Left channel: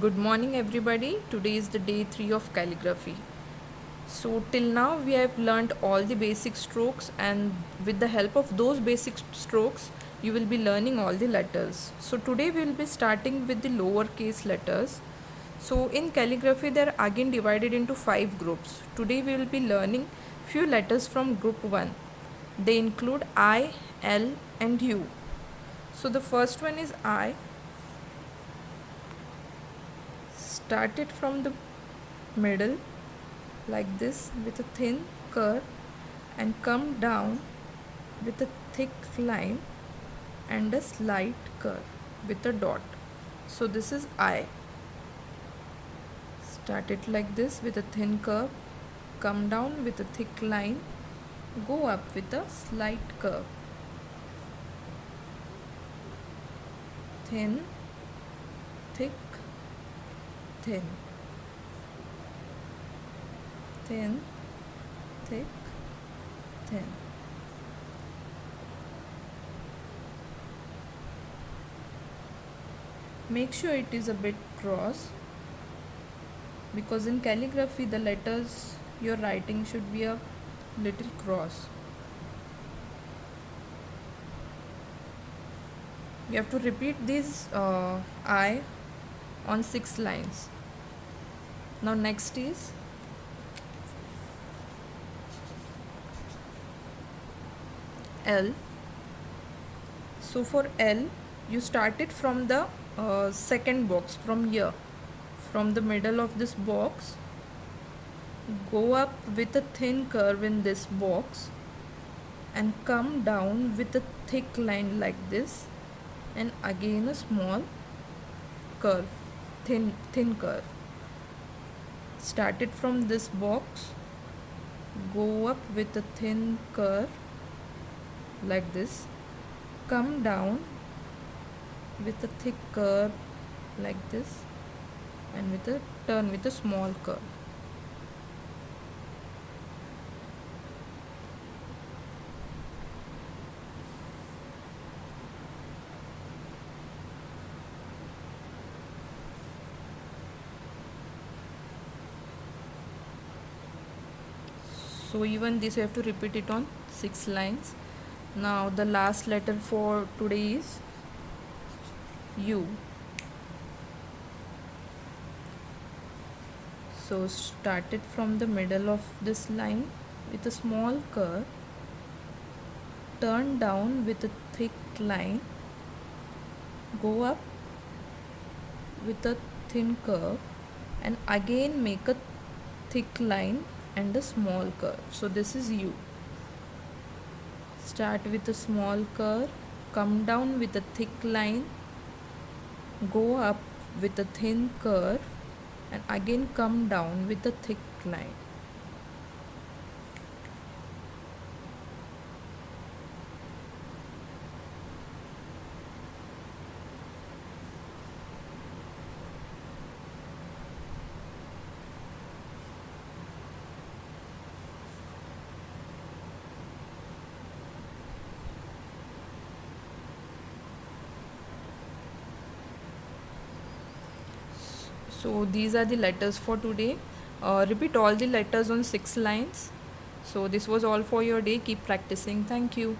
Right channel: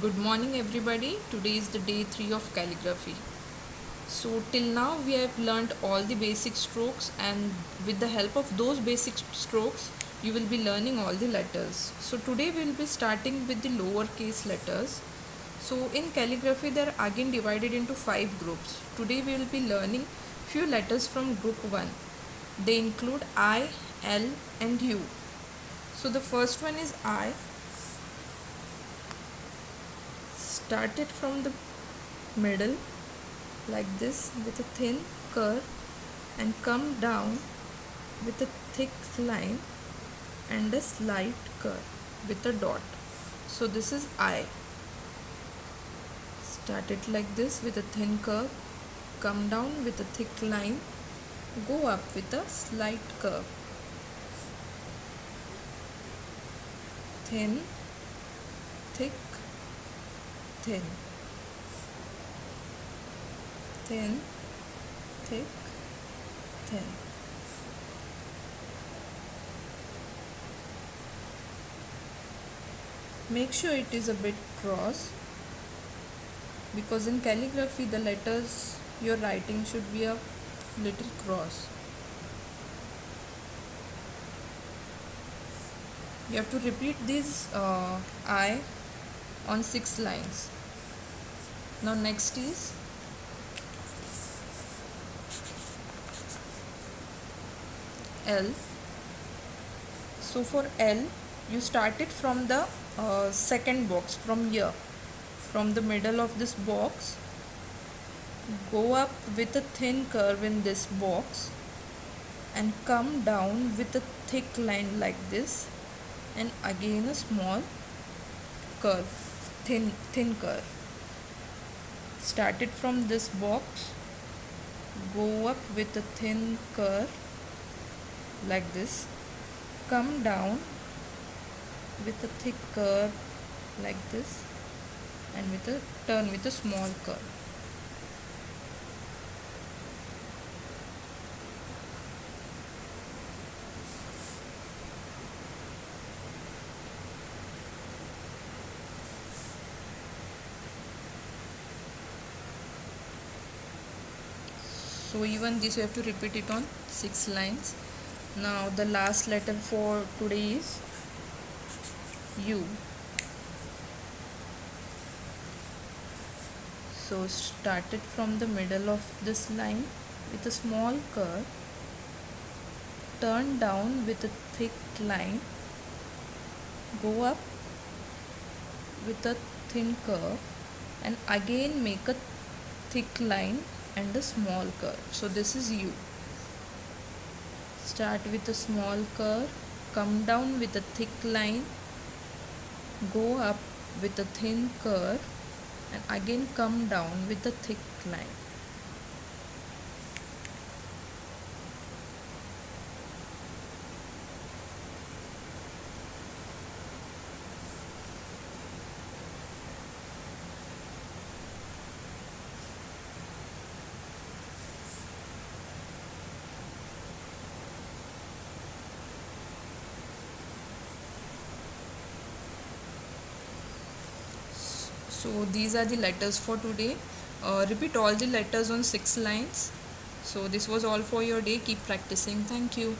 Good morning, everybody. Today is the day 3 of calligraphy. So, till now, we have learned all the basic strokes, and with the help of those basic strokes, you will be learning all the letters. So, today we will be starting with the lowercase letters. So, in calligraphy, they are again divided into 5 groups. Today, we will be learning few letters from group 1. They include I, L, and U. So, the first one is I. Start it from the middle like this with a thin curve and come down with a thick line and a slight curve with a dot. So this is I. Start it like this with a thin curve, come down with a thick line, go up with a slight curve. Thin, thick, thin. Thin, thick, thin. Make sure it is a bit cross, because in calligraphy the letters you're writing should be a little cross. You have to repeat this I on 6 lines. Now next is L. So for L, you start it from the second box, from here, from the middle of this box. Go up with a thin curve in this box and come down with a thick line like this, and again a small curve, thin curve. Start it from this box, go up with a thin curve like this, come down with a thick curve like this, and with a turn with a small curve. So even this you have to repeat it on 6 lines. Now the last letter for today is U. So start it from the middle of this line with a small curve, turn down with a thick line, go up with a thin curve, and again make a thick line and a small curve. So this is U. Start with a small curve, come down with a thick line, go up with a thin curve, and again come down with a thick line. So these are the letters for today. Repeat all the letters on 6 lines. So this was all for your day. Keep practicing. Thank you.